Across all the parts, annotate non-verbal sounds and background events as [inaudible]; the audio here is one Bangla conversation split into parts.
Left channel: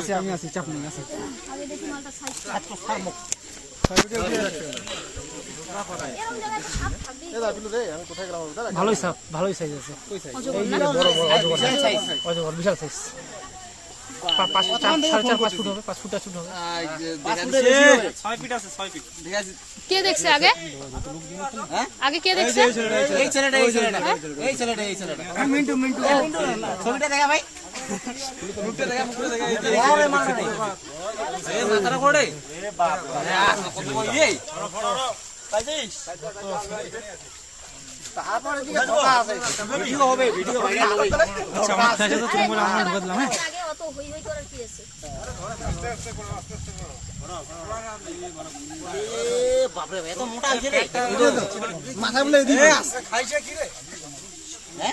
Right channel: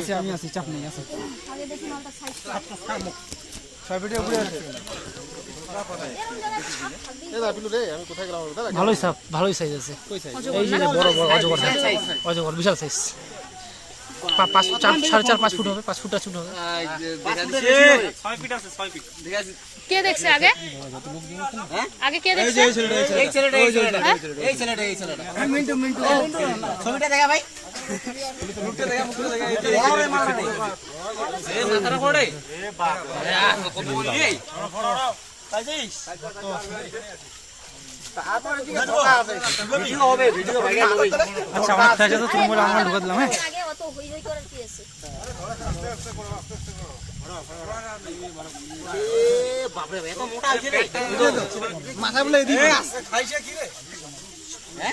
আছি আমি আছি চাপ নেই আছি আগে দেখি মালটা সাইজ ভালোই সাপ ভালোই সাইজ আছে। অজগর বিশাল সাইজ কে দেখছে আগে? আগে কে দেখছে? এই ছেলেটা এই ছেলেটা? এই ছেলেটা এই ছেলেটা মিন্টু মিন্টু ছবিটা দেখা ভাই। আচ্ছা আমার থেকে তো তুমি আমার ঢুকা দিলাম হ্যাঁ অত হই হই কি রে? না।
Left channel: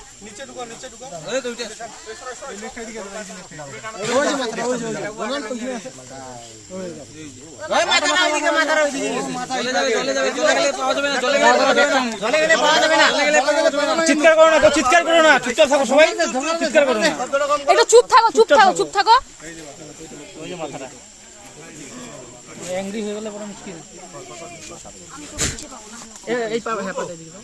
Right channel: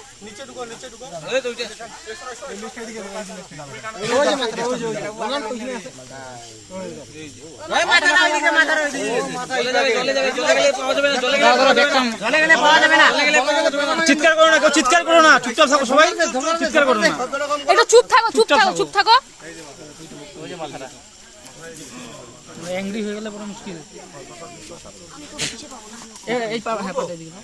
চিৎকার করো না চিৎকার করো না। চুপচাপ থাকো সবাই। চিৎকার করো না। একটু চুপ থাকো চুপ থাকো চুপ থাকো। অ্যাংরি হয়ে গেলে বড় মুশকিল। এই পাবে হ্যাঁ পাবে এদিকে দাও।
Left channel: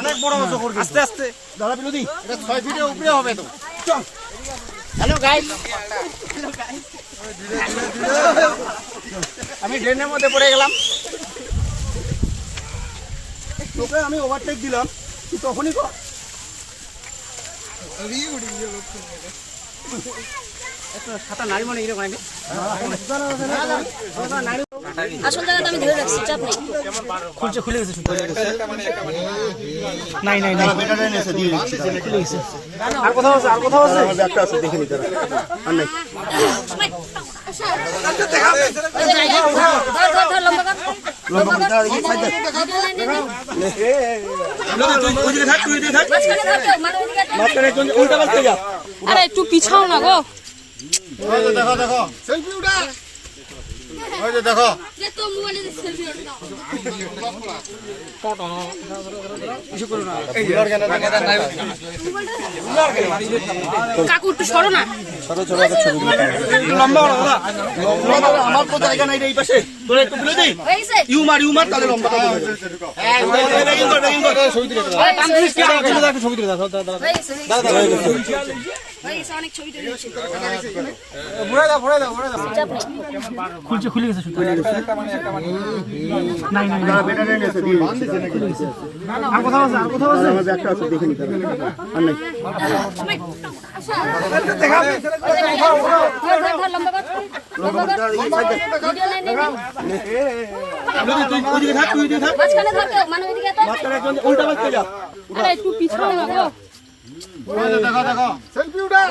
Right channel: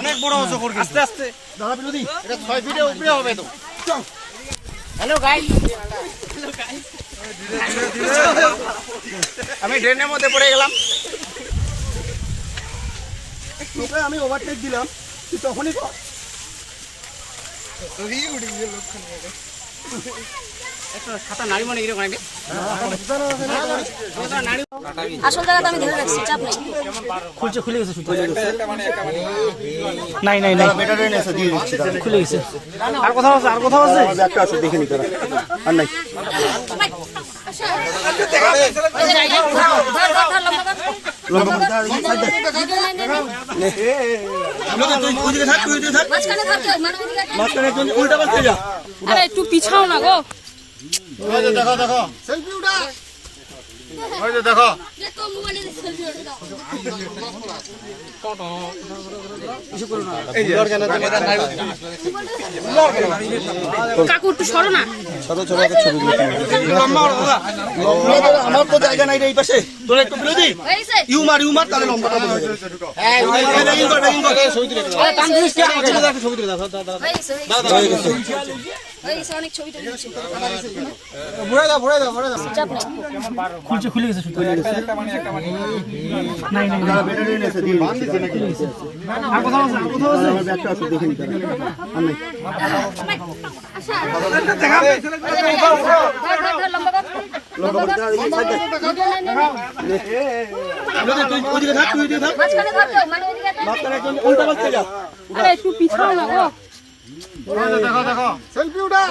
অনেক বড় আস্তে আস্তে। বিনোদি এটা ছয় ফিটের উপরে হবে তো। হ্যালো গাইস আমি ড্রেনের মধ্যে পড়ে গেলাম। তোকে আমি ওভারটেক দিলাম। তুই তখনই কর। মানে আসল জায়গাটা আমি ধরে রাখছি চাপ নেই। খুলছে খুলে গেছে নাই নাই নাই। বেটা ট্রেন এসে দিয়ে দিচ্ছি খুলে গেছে। আর কোথাও আছে আর কোথাও আছে? একটা আছে দেখে নিতে আর নাই। ধর ধর ধর লম্বা কর লম্বা করে দাও, এই side ওইদিকে থাক ওইদিকে থাক মাঝখানে ধর কেউ, ওদিকে একটা- মাঝখানে উল্টা পাল্টে যা আরে একটু পিছাও না গো দেখো দেখো। দেখো। যে তো মোবাইলে সেলফি ওঠে দাও কাকু একটু সরো আমার তো জায়গা নাই এই পাশে তোরা একটু তুলে দিই এই সে ইউ মার ইউ মার তাহলে কর, ছবি তুলে। ছবি অনেক ছবি তুলে ঘুরে দাও, ঘুরে দাও, ঘুরে দাও। খুলছে খুলে গেছে মানে উল্টা পাল্টে যা আরে একটু পিছাও না গো দেখো দেখো। সেলফি উঠা।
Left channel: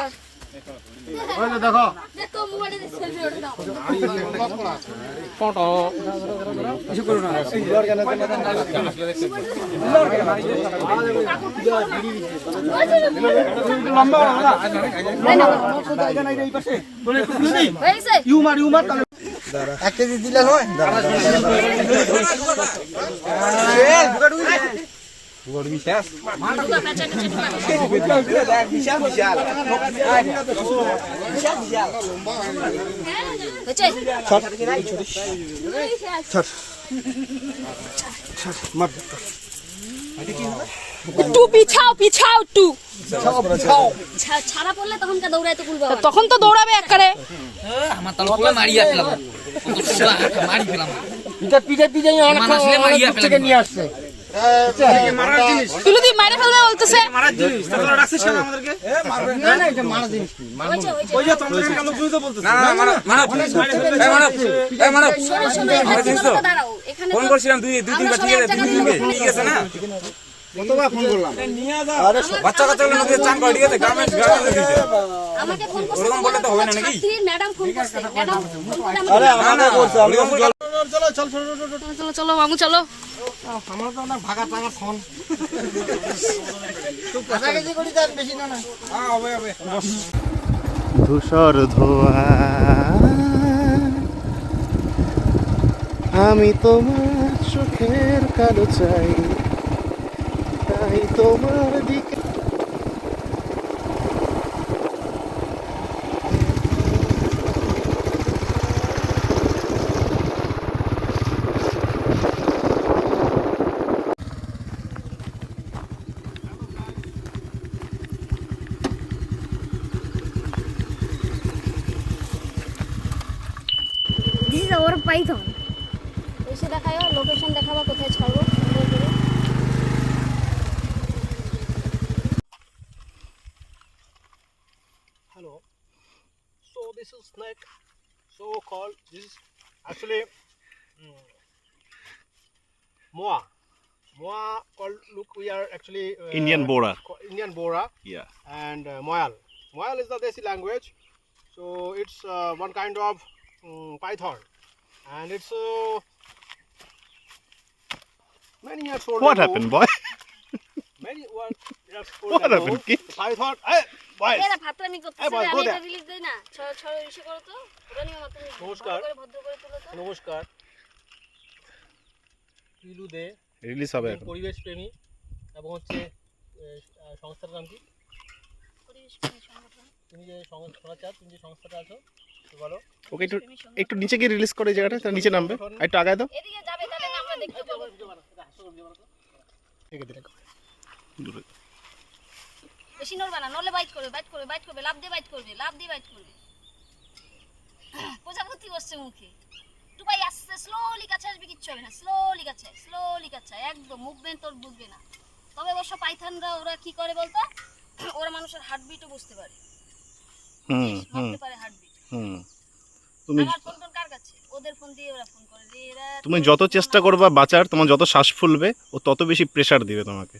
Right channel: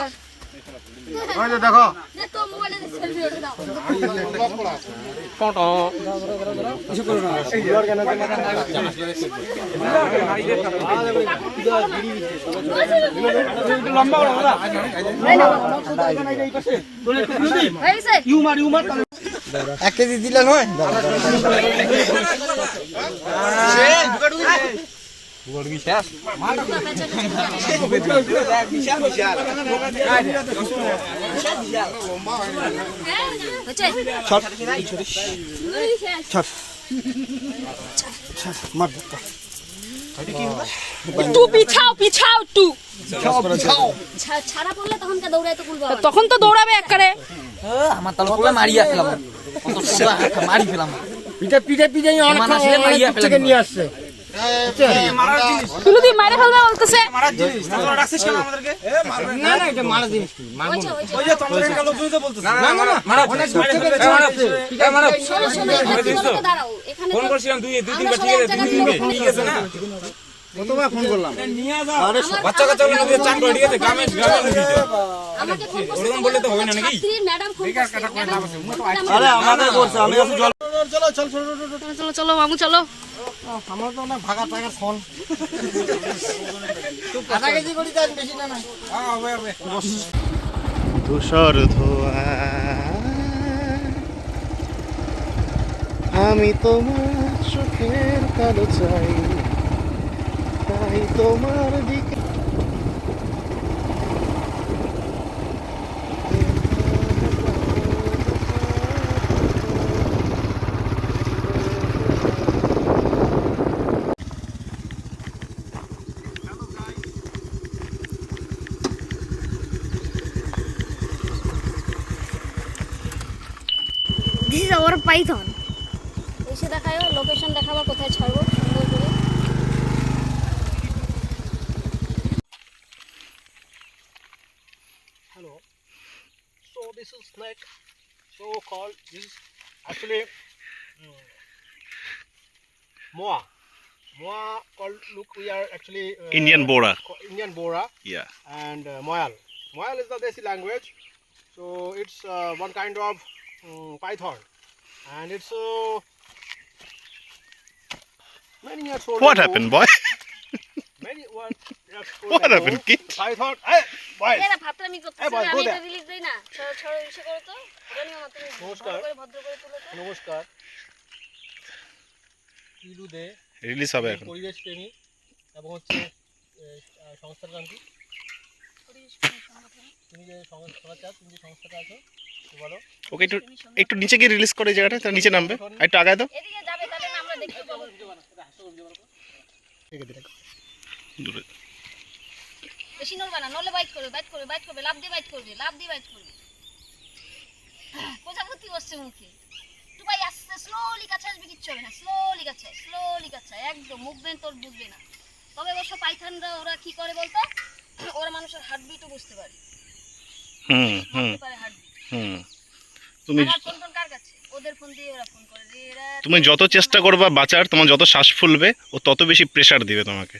দেখো। এক কেজি দিলে নয় তখন তো দৌড়াবে একবারে। আমার তাহলে পুরো মারি আসলাম। মারি ফেলাম। পিঠে পিঠে পিঠে নিয়ে মারিয়া থেকে নিয়ে মারে ফেলবে বলতেছে। মারার জিনিস তোমরা রাখছিস কেন আমাদেরকে? না। না এটা মারা জিনিস কি হয়েছে, হয়েছে। ওই যে। চন্দ্রকান্ত লোক তো বলতেছে। না না না মারা শোনো, শোনো, এখানে তোমরা দাঁড়াও। এখানে ফোন করছিলাম দুই দুই আমরা সবাই এক জায়গায় ঠিক আছে না? কতবার ফোন করলাম। আরে বাচ্চা কাচ্চা গুলো চাপ গ্রামে আমাকে ফোন ওরকম বললে তো হবে না নাকি? ম্যাডাম ফোন করছে ম্যাডাম ফোন করে আমাকে- আরে আমাকে করছে আমি তো জল চলো চলো চলো মামু চলো। ধূসর ধোয়া। আমি তোমার চোখের কালো চাই। তাই তোমার দিকে ইজ আওয়ার পাইথন এসে দেখায় লোকেশন দেখাবা কোথায় ছাড়বো সুন্দর করে Hello. So this is snake. So called this is actually mm, moa. Moa called look we are actually uh, Indian Bora. co- Indian Bora Yeah. and uh, Moyal. Moyal is the Desi language. So it's uh, one kind of um, python and it's uh, many years old. What happened, boy? Many one [laughs] What happened, kid? Python. Hey, boys. এরা ফাতরামি করতেছে এই আমি এটা রিলিজ দেই না ছড় ছড় ইসে করো তো ওটা নিয়ে আমার নমস্কার। ভদ্র করে তুলো তো নমস্কার পিলু দে রিলিজ হবে এখন পরিবেশ প্রেমী এবং হচ্ছে সংস্থার নাম কি পরিবেশ প্রেমী সংগঠন তুমি যে সংস্থা চাও তুমি যে সংস্থাটা আছো ওকে একটু একটু নিচে গিয়ে রিলিজ করে জায়গাটা তার নিচে নামবে। আর একটু আগায় দাও। এদিকে যাবে তাহলে না আমরা দেখতে পাবো। দূরে। বেশি নড়বা না নলে বাইট করবে বাইট করবে বাইট করবে লাভ দিয়ে বাইট করবে লাভ দিয়ে বাইট করবে। প্রজাপতি বসছে মুখে। স্লোলি কাছে আসবে কিচ্ছু হবে না। স্লোলি কাছে স্লোলি কাছে একদম মুভমেন্ট তোর বুঝবে না। তবে অবশ্য পাইথনরা ওরা কি করে বলতো? ওরা মানুষের হার্টবিটও বুঝতে পারে। হুম হুম। হার্টবিট হুম। তুমি তুমি যত চেষ্টা করবা বাঁচার তোমার যত শ্বাস ফুলবে ও তত বেশি প্রেশার দিবে তোমাকে।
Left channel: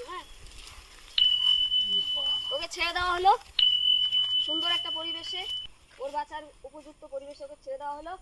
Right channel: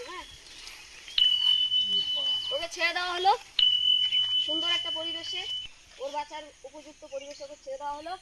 হ্যাঁ? ওকে ছেড়ে দেওয়া হলো। সুন্দর একটা পরিবেশে ওর বাচ্চার উপযুক্ত পরিবেশে ওকে ছেড়ে দেওয়া হলো।